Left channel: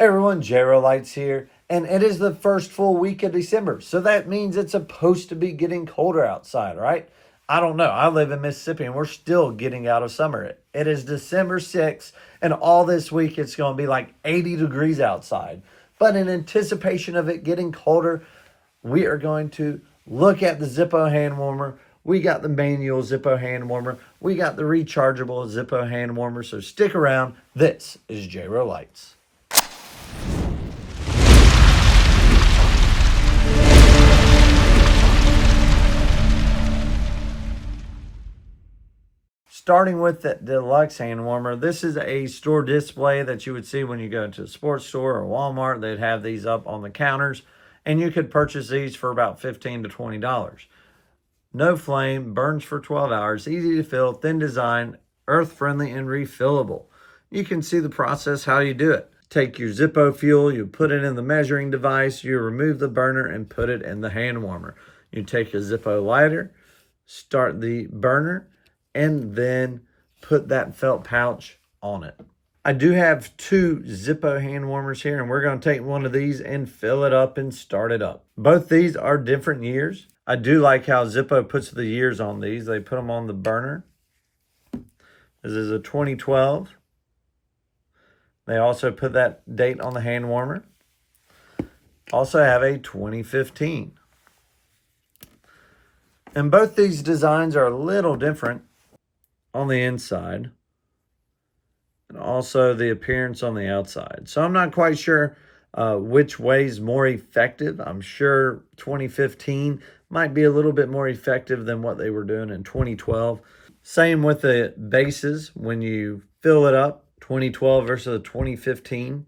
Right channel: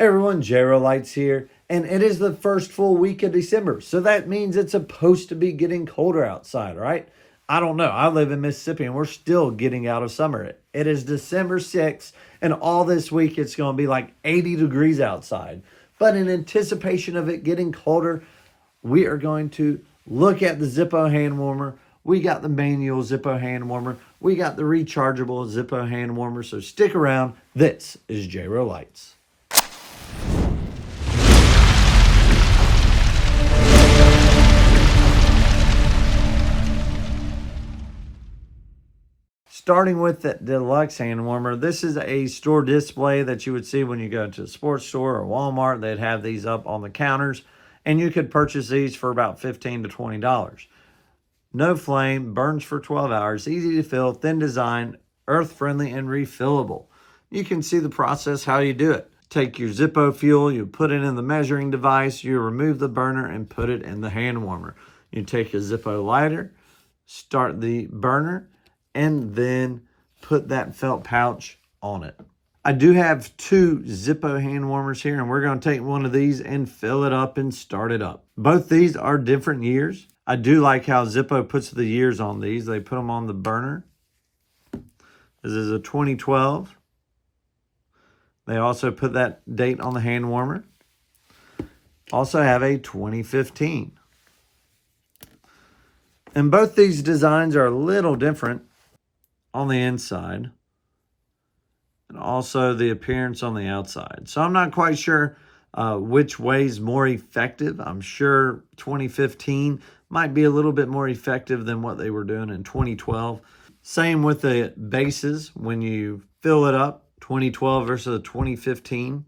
Hey everyone, JRO Lights here, and it is the first full week of December, so that means it's supposed to be getting colder outside, right? I don't know. I live in Mississippi and we're still getting out of summer. It is December 6th, and all this week it's going to be like 80 degrees outside. But in anticipation of it getting colder, we are going to look at the Zippo hand warmer. We got the manual Zippo hand warmer. We got the rechargeable Zippo hand warmer, so stick around. This is JRO Lights. Starting with the Deluxe hand warmer, this is a store display that you would see when you go into a sports store or Walmart. They'd have these up on the counters, and you could purchase these for about $15 to $20. No flame, burns for 12 hours, easy to fill, thin design, earth-friendly, and refillable. You can see the process, how you do it. Take your Zippo fuel, you put it in the measuring device, you remove the burner and put it in the hand warmer. You take your Zippo lighter, start the burner, and then put that felt pouch on it. I do have two Zippo hand warmers here, and we're going to take one of these and fill it up and start it up. Both these are different years. I do like how Zippo puts the years on these. They put them on the burner. This is a 2012. They also put that date on the hand warmer. Also have a 2015. And both these designs are a little different on the inside and also the appearance on the outside. So I'm not quite sure which way is more effective. I'm sure 2015 might be a little bit more effective than what they were doing in 2012. Same with the bases when you fill it up, 2012 versus 2015.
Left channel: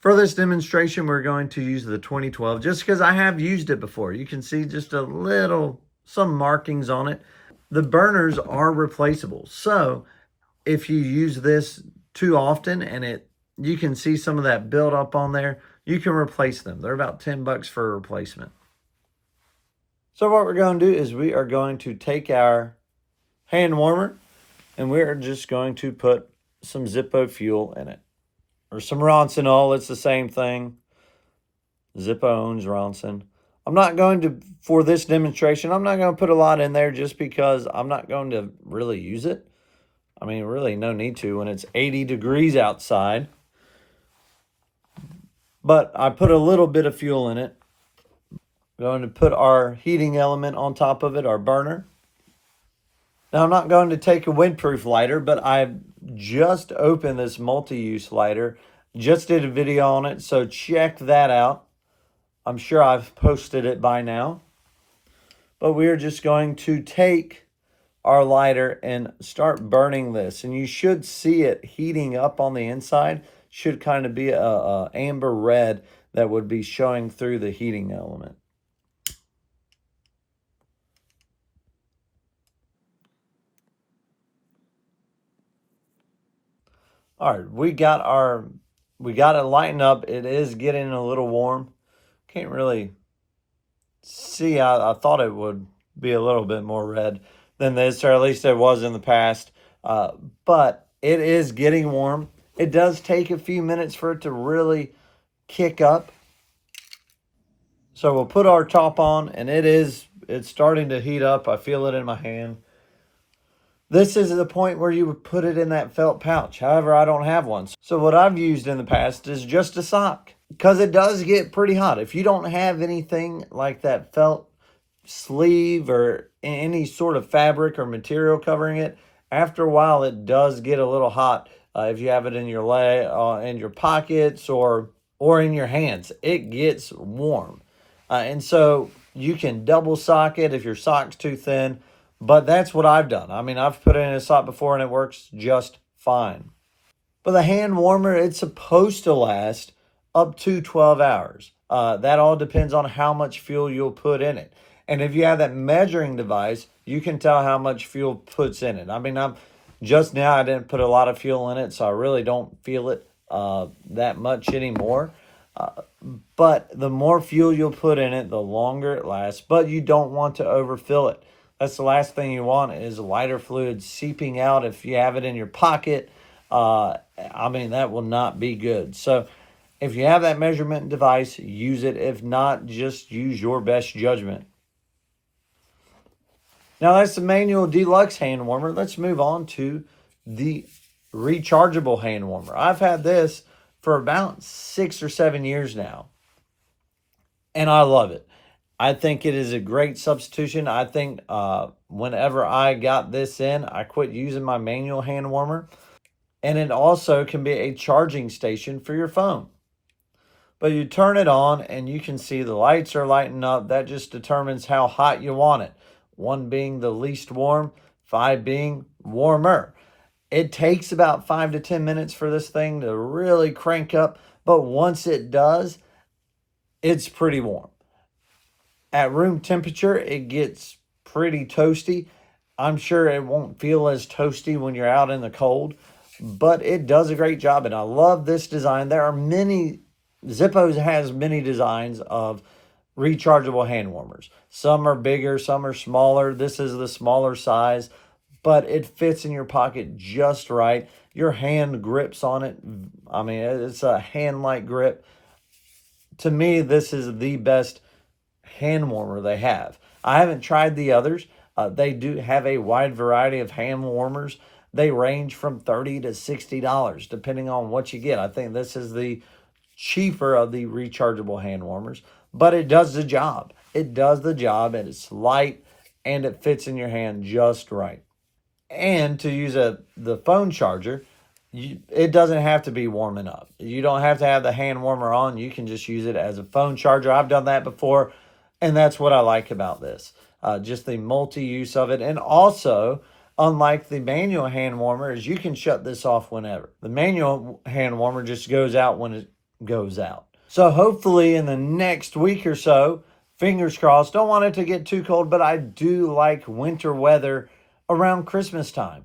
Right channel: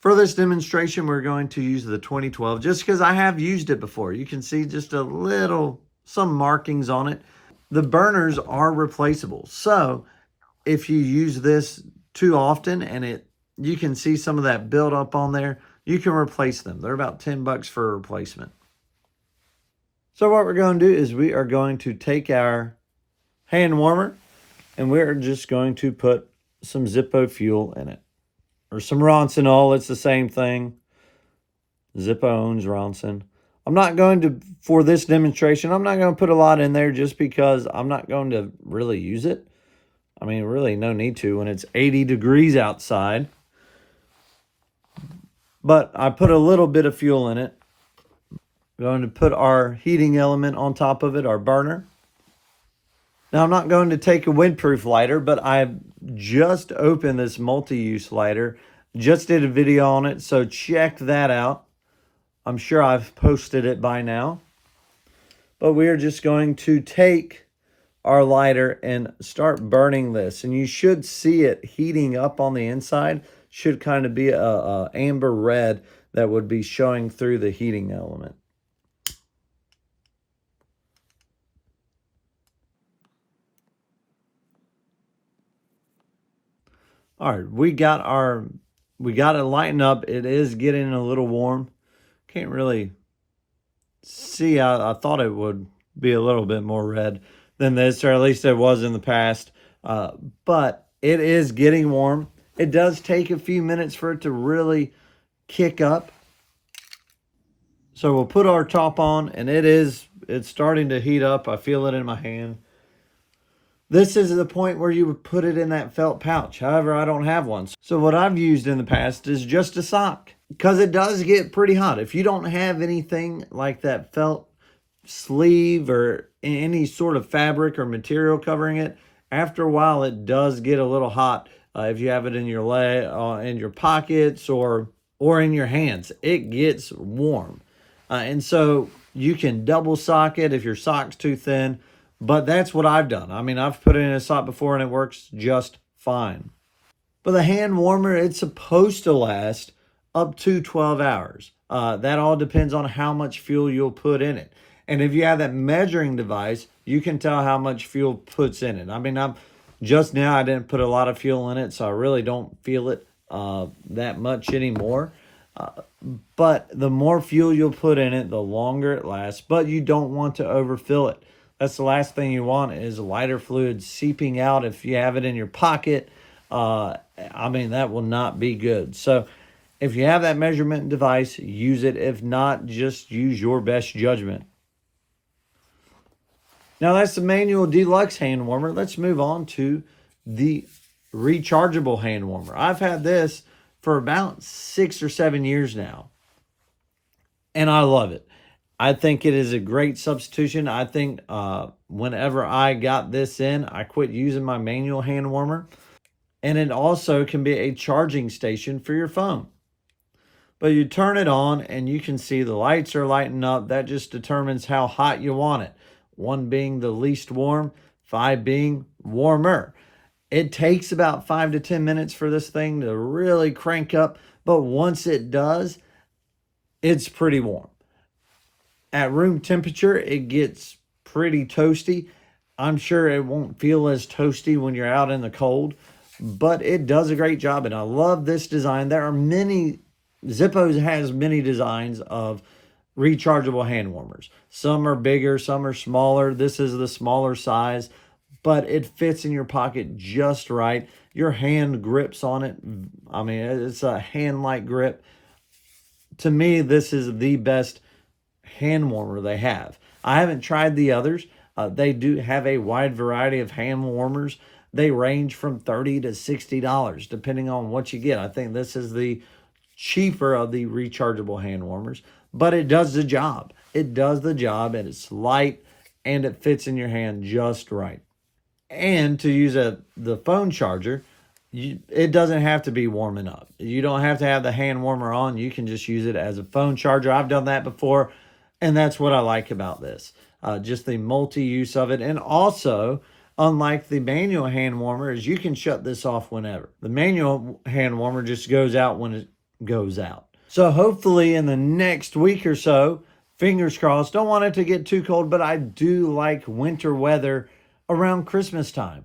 For this demonstration, we're going to use the 2012 just because I have used it before. You can see just some markings on it. The burners are replaceable. So if you use this too often and you can see some of that build up on there, you can replace them. They're about $10 for a replacement. So what we're going to do is we are going to take our hand warmer and we're just going to put some Zippo fuel in it. Or some Ronsinol, it's the same thing. Zippo owns Ronsin. I'm not going to, for this demonstration, I'm not going to put a lot in there just because I'm not going to really use it. I mean, really no need to when it's 80 degrees outside. But I put a little bit of fuel in it. We're going to put our heating element on top of it, our burner. Now, I'm not going to take a windproof lighter, but I just opened this multi-use lighter. Just did a video on it, so check that out. I'm sure I've posted it by now. But we're just going to take our lighter and start burning this. And you should see it heating up on the inside. Should kind of be a amber red that would be showing through the heating element. All right, we got it lighting up. It is getting a little warm. Can't really see. I thought it would be a little bit more red than this, or at least it was in the past. But it is getting warm. It does take a few minutes for it to really kick up. So we'll put our top on, and it's starting to heat up. I feel it in my hand. This is the point where you would put it in that felt pouch. However, I don't have one. So what I've used in the past is just a sock because it does get pretty hot. If you don't have anything like that felt sleeve or any sort of fabric or material covering it, after a while it does get a little hot. If you have it in your leg, in your pockets or in your hands, it gets warm. And so you can double sock it if your sock's too thin. But that's what I've done. I mean, I've put it in a sock before and it works just fine. But the hand warmer, it's supposed to last up to 12 hours. That all depends on how much fuel you'll put in it. And if you have that measuring device, you can tell how much fuel puts in it. I mean, I didn't put a lot of fuel in it, so I really don't feel it that much anymore. But the more fuel you'll put in it, the longer it lasts. But you don't want to overfill it. That's the last thing you want is lighter fluid seeping out if you have it in your pocket. I mean, that will not be good. So If you have that measurement device, use it. If not, just use your best judgment. Now that's the manual deluxe hand warmer. Let's move on to the rechargeable hand warmer. I've had this for about 6 or 7 years now, and I love it. I think it is a great substitution. I think whenever I got this in, I quit using my manual hand warmer. And it also can be a charging station for your phone. But you turn it on and you can see the lights are lighting up. That just determines how hot you want it. 1 being the least warm, 5 being warmer. It takes about 5 to 10 minutes for this thing to really crank up. But once it does, it's pretty warm. At room temperature, it gets pretty toasty. I'm sure it won't feel as toasty when you're out in the cold, but it does a great job. And I love this design. There are many, Zippos has many designs of rechargeable hand warmers. Some are bigger, some are smaller. This is the smaller size, but it fits in your pocket just right. Your hand grips on it. I mean, it's a hand-like grip. To me, this is the best hand warmer they have. I haven't tried the others. They do have a wide variety of hand warmers. They range from $30 to $60 depending on what you get. I think this is the cheaper of the rechargeable hand warmers, but it does the job. It does the job, and it's light and it fits in your hand just right. And to use the phone charger, it doesn't have to be warm enough. You don't have to have the hand warmer on. You can just use it as a phone charger. I've done that before, and that's what I like about this. Just the multi-use of it. And also, unlike the manual hand warmer, is you can shut this off whenever. The manual hand warmer just goes out when it goes out. So hopefully in the next week or so, fingers crossed, don't want it to get too cold, but I do like winter weather around Christmas time.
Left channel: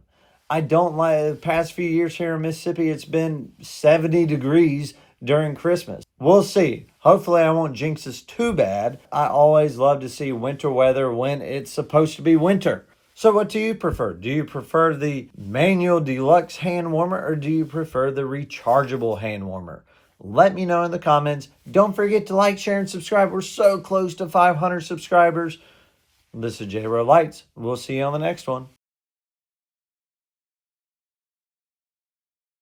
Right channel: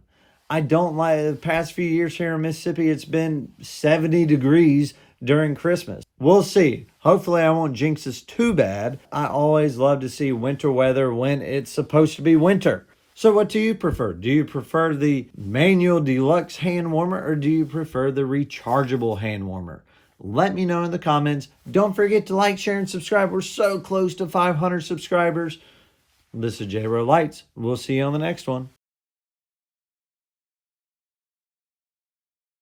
I don't like the past few years here in Mississippi, it's been 70 degrees during Christmas. We'll see. Hopefully I won't jinx this too bad. I always love to see winter weather when it's supposed to be winter. So what do you prefer? Do you prefer the manual deluxe hand warmer, or do you prefer the rechargeable hand warmer? Let me know in the comments. Don't forget to like, share, and subscribe. We're so close to 500 subscribers. This is JRO Lights. We'll see you on the next one.